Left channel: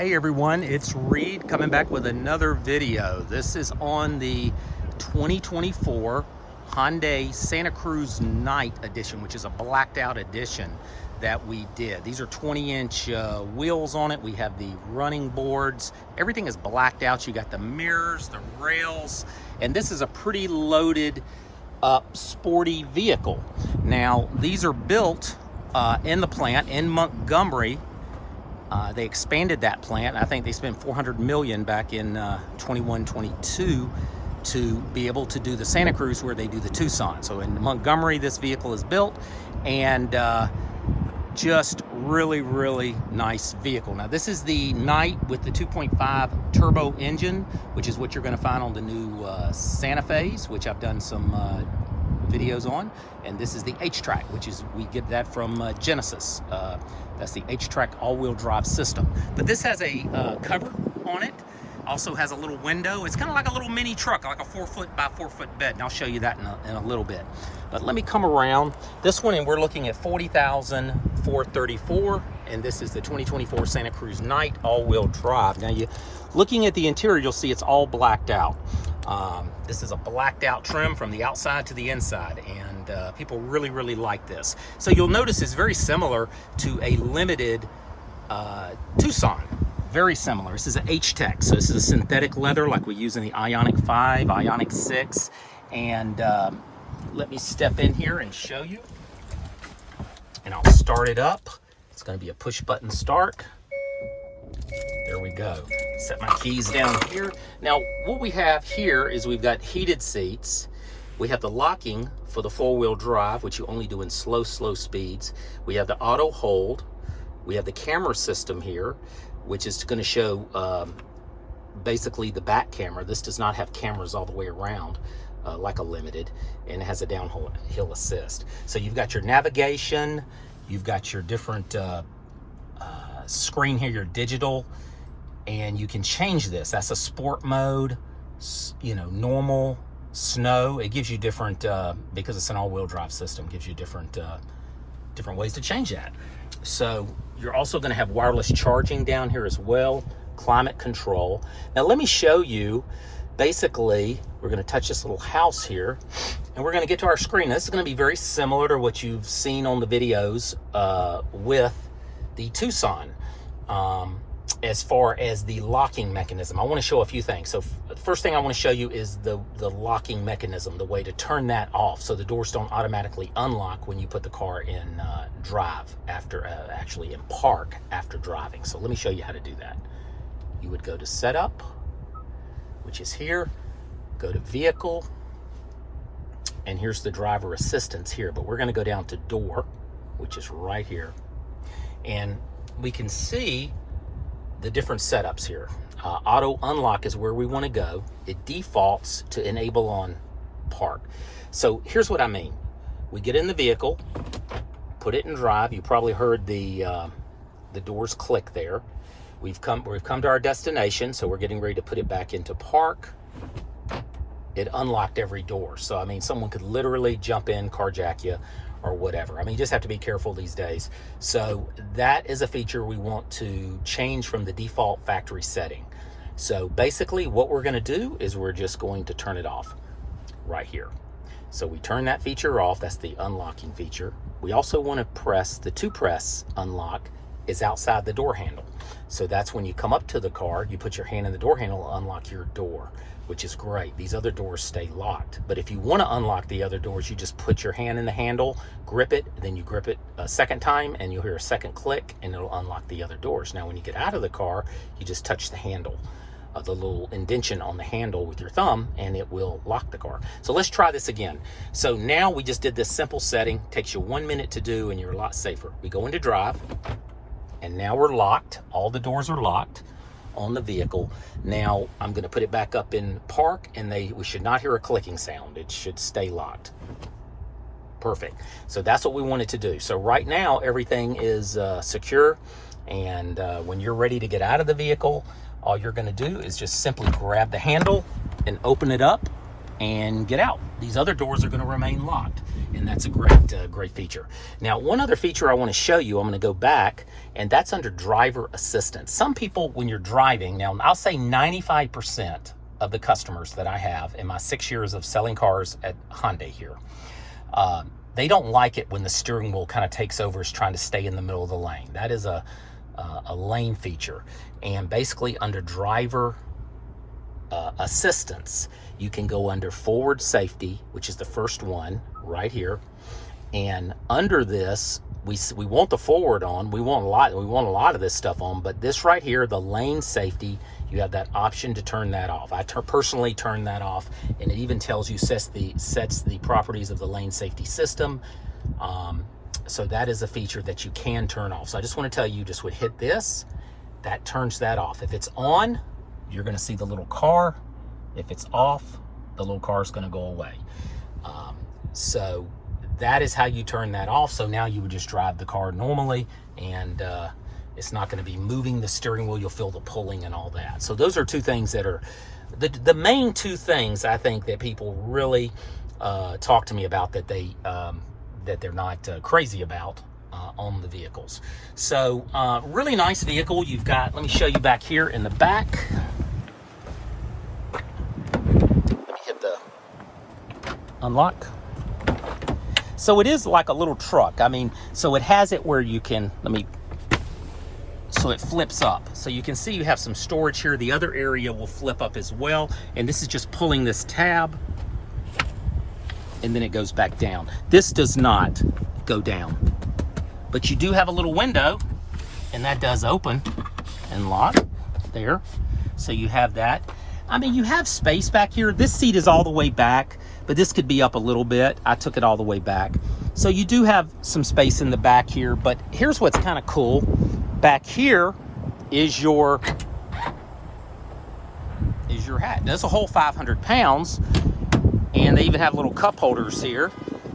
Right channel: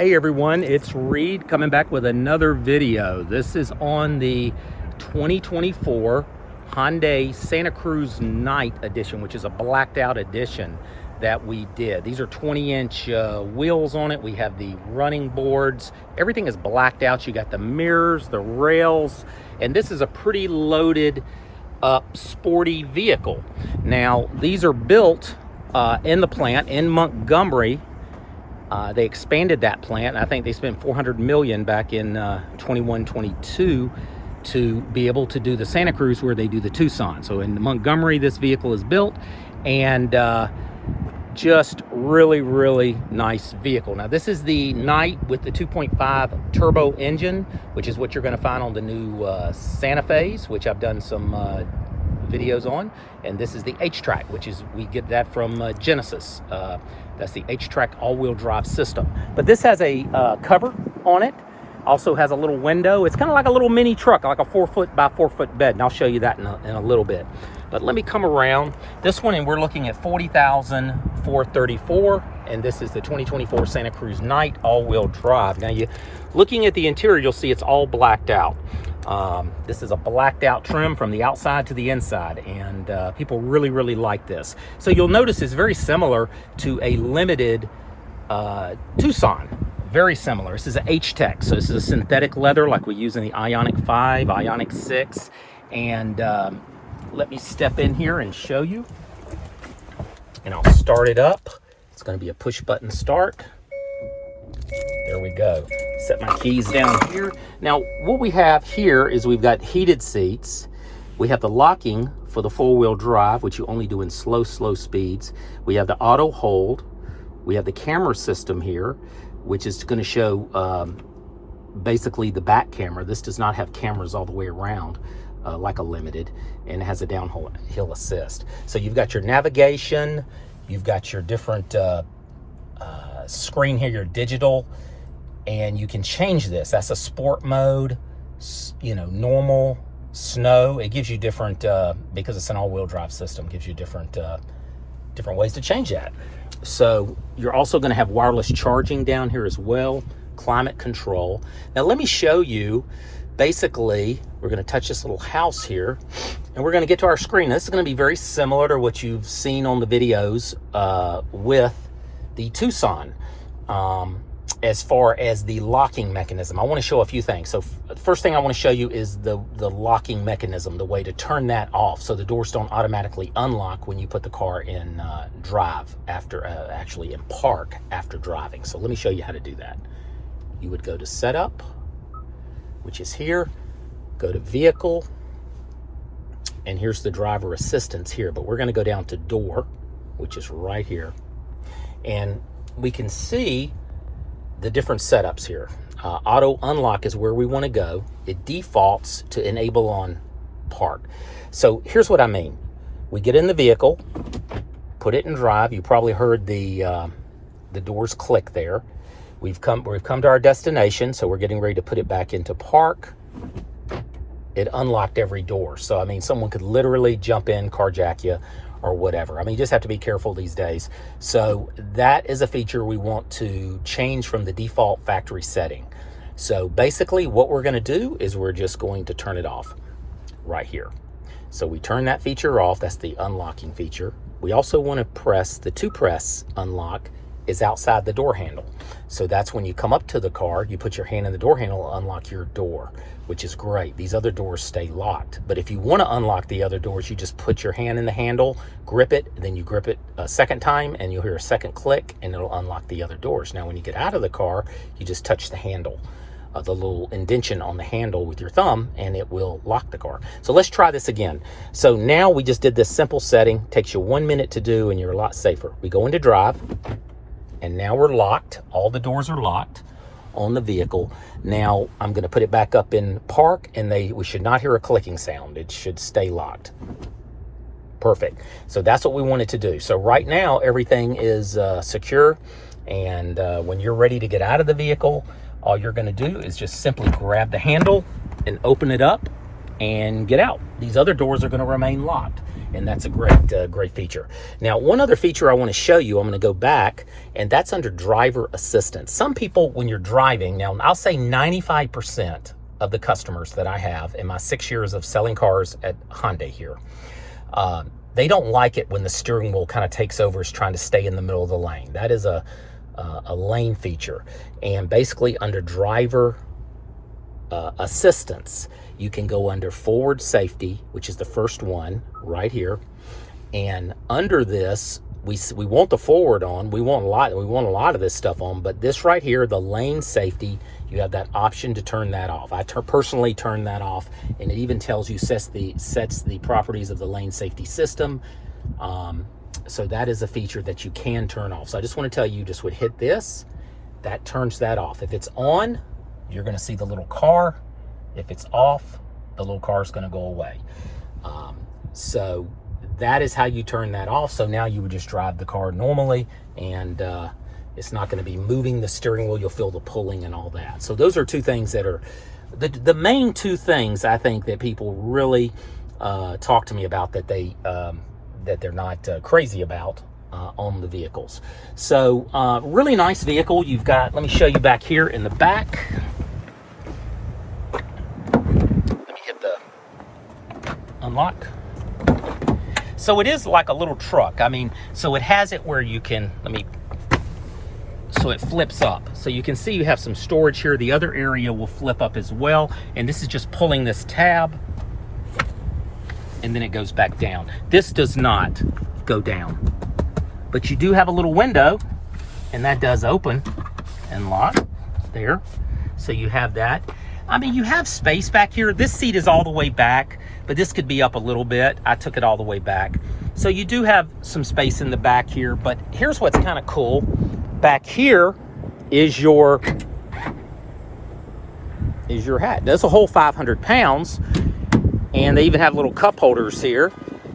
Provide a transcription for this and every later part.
Hey everyone, it's Reid coming back with another video. This is on the 2024 Hyundai Santa Cruz Night Edition, which is a blacked out edition that we did. These are 20-inch wheels on it. We have the running boards. Everything is blacked out. You got the mirrors, the rails, and this is a pretty loaded up sporty vehicle. Now, these are built in the plant in Montgomery. They expanded that plant. I think they spent $400 million back in 21-22 to be able to do the Santa Cruz where they do the Tucson. So in Montgomery, this vehicle is built, and just really nice vehicle. Now this is the Night with the 2.5 turbo engine, which is what you're going to find on the new Santa Fe's, which I've done some videos on. And this is the H-Track, which is, we get that from Genesis. That's the H-Track all-wheel drive system. But this has a cover on it. Also has a little window. It's kind of like a little mini truck, like a 4-foot by 4-foot bed. And I'll show you that in a little bit. But let me come around. This one, and we're looking at $40,434. And this is the 2024 Santa Cruz Night all-wheel drive. Now, looking at the interior, you'll see it's all blacked out. This is a blacked out trim from the outside to the inside, and people really like this. So you'll notice it's very similar to a limited Tucson. Very similar. This is an H-Tech, so this is a synthetic leather like we use in the Ioniq 5, Ioniq 6. And let me step in here and show you. And I'll start it up. It's going to be a push button start. There we go. Set my keys down here. Now, what we have here is we've got heated seats. We have the locking for the four-wheel drive, which you only do in slow speeds. We have the auto hold. We have the camera system here, which is going to show basically the back camera. This does not have cameras all the way around like a limited, and it has a downhill assist. So you've got your navigation. You've got your different screen here, your digital, and you can change this. That's a sport mode, you know, normal, snow. It gives you different, because it's an all-wheel drive system, gives you different ways to change that. So you're also going to have wireless charging down here as well, climate control. Now let me show you, basically, we're going to touch this little house here, and we're going to get to our screen. This is going to be very similar to what you've seen on the videos with the Tucson. As far as the locking mechanism, I want to show a few things. So the first thing I want to show you is the locking mechanism, the way to turn that off so the doors don't automatically unlock when you put the car in drive after, actually in park after driving. So let me show you how to do that. You would go to setup, which is here, go to vehicle, and here's the driver assistance here, but we're going to go down to door, which is right here. And we can see the different setups here. Auto unlock is where we want to go. It defaults to enable on park. So here's what I mean. We get in the vehicle, put it in drive. You probably heard the doors click there. We've come to our destination, so we're getting ready to put it back into park. It unlocked every door. So I mean, someone could literally jump in, carjack you, or whatever. I mean, you just have to be careful these days. So that is a feature we want to change from the default factory setting. So basically what we're going to do is we're just going to turn it off right here. So we turn that feature off. That's the unlocking feature. We also want to press the two-press unlock is outside the door handle. So that's when you come up to the car, you put your hand in the door handle, unlock your door, which is great. These other doors stay locked. But if you want to unlock the other doors, you just put your hand in the handle, grip it, then you grip it a second time, and you'll hear a second click, and it'll unlock the other doors. Now, when you get out of the car, you just touch the handle, the little indentation on the handle with your thumb, and it will lock the car. So let's try this again. So now we just did this simple setting. Takes you 1 minute to do, and you're a lot safer. We go into drive. And now we're locked. All the doors are locked on the vehicle. Now I'm going to put it back up in park, and we should not hear a clicking sound. It should stay locked. Perfect. So that's what we wanted to do. So right now everything is secure, and when you're ready to get out of the vehicle, all you're going to do is just simply grab the handle and open it up and get out. These other doors are going to remain locked. and that's a great feature. Now, one other feature I want to show you, I'm going to go back, and that's under driver assistance. Some people, when you're driving, now I'll say 95% of the customers that I have in my 6 years of selling cars at Hyundai here, they don't like it when the steering wheel kind of takes over, is trying to stay in the middle of the lane. That is a lane feature. And basically under driver assistance, you can go under forward safety, which is the first one right here. And under this, we want the forward on. We want a lot of this stuff on, but this right here, the lane safety, you have that option to turn that off. I personally turn that off, and it even tells you sets the properties of the lane safety system. So that is a feature that you can turn off. So I just want to tell you, just would hit this, that turns that off. If it's on, you're going to see the little car. If it's off, the little car is going to go away. So that is how you turn that off. So now you would just drive the car normally, and it's not going to be moving the steering wheel. You'll feel the pulling and all that. So those are two things that are the main two things I think that people really talk to me about, that they're not crazy about on the vehicles. So really nice vehicle. You've got, let me show you back here in the back. Let me hit the unlock. So it is like a little truck. I mean, so it has it where you can, so it flips up. So you can see you have some storage here. The other area will flip up as well. And this is just pulling this tab, and then it goes back down. This does not go down, but you do have a little window, and that does open and lock there. So you have that. I mean, you have space back here. This seat is all the way back, but this could be up a little bit. I took it all the way back. So you do have some space in the back here, but here's what's kind of cool. Back here is your hat. That's a whole 500 pounds, and they even have little cup holders here.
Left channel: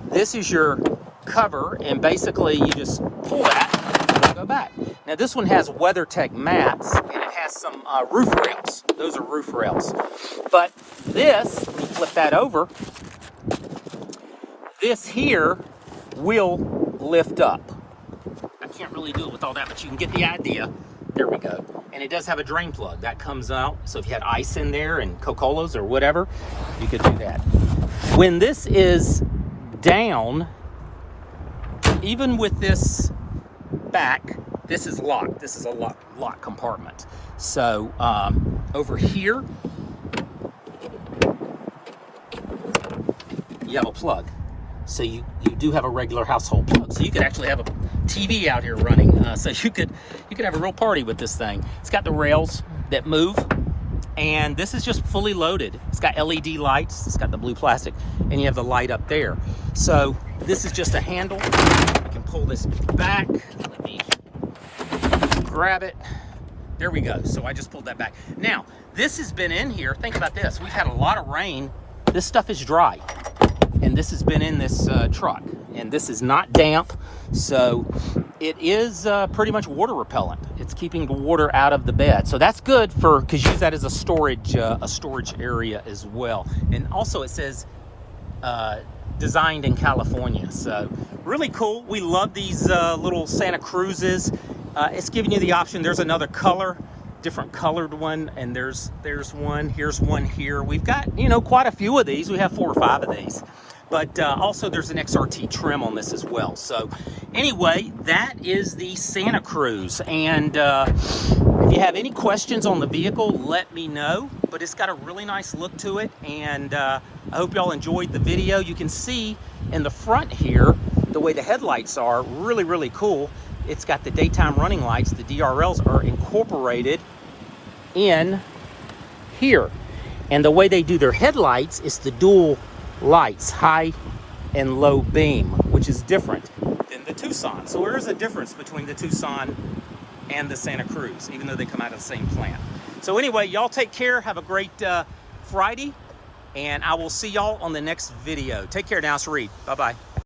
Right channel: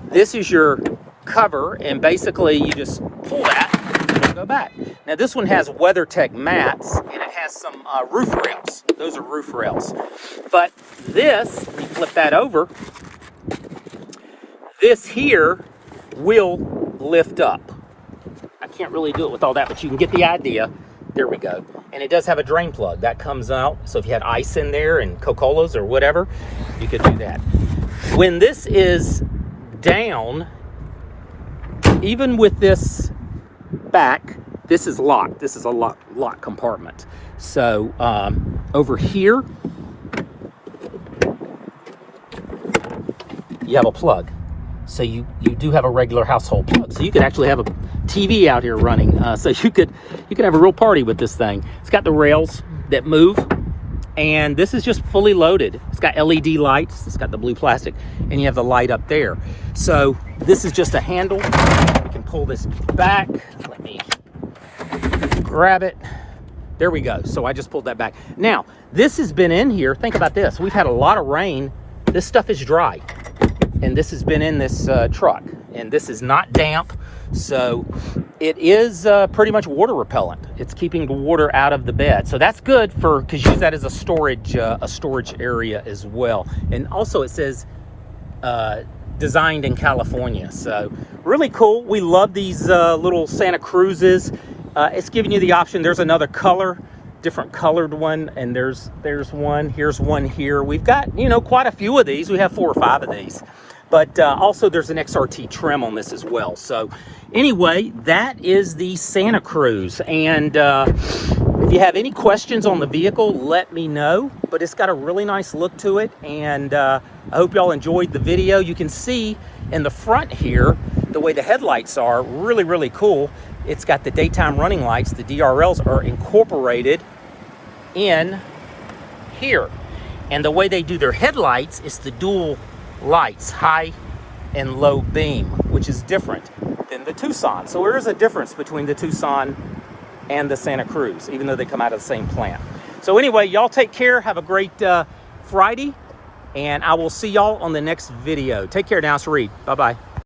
This is your cover, and basically you just pull that and it'll go back. Now this one has WeatherTech mats, and it has some roof rails. Those are roof rails. But this, you flip that over, this here will lift up. I can't really do it with all that, but you can get the idea. There we go. And it does have a drain plug that comes out. So if you had ice in there and Coca-Colas or whatever, you could do that. When this is down, even with this back, this is locked. This is a lock compartment. So over here, you have a plug. So you do have a regular household plug. So you could actually have a TV out here running. So you could have a real party with this thing. It's got the rails that move, and this is just fully loaded. It's got LED lights. It's got the blue plastic, and you have the light up there. So this is just a handle. You can pull this back. Let me grab it. There we go. So I just pulled that back. Now, this has been in here. Think about this. We've had a lot of rain. This stuff is dry. And this has been in this truck. And this is not damp. So it is pretty much water repellent. It's keeping the water out of the bed. So that's good because you use that as a storage area as well. And also it says designed in California. So really cool. We love these little Santa Cruzes. It's giving you the option. There's another color, different colored one, and there's one. Here's one here. We've got, quite a few of these. We have 4 or 5 of these. But also there's an XRT trim on this as well. So anyway, that is the Santa Cruz. And if you have any questions on the vehicle, let me know. But it's got a really nice look to it. And I hope y'all enjoyed the video. You can see in the front here, the way the headlights are, really, really cool. It's got the daytime running lights. The DRLs are incorporated in here. And the way they do their headlights is the dual lights, high and low beam, which is different than the Tucson. So there is a difference between the Tucson and the Santa Cruz, even though they come out of the same plant. So anyway, y'all take care. Have a great Friday, and I will see y'all on the next video. Take care now. It's Reid. Bye-bye.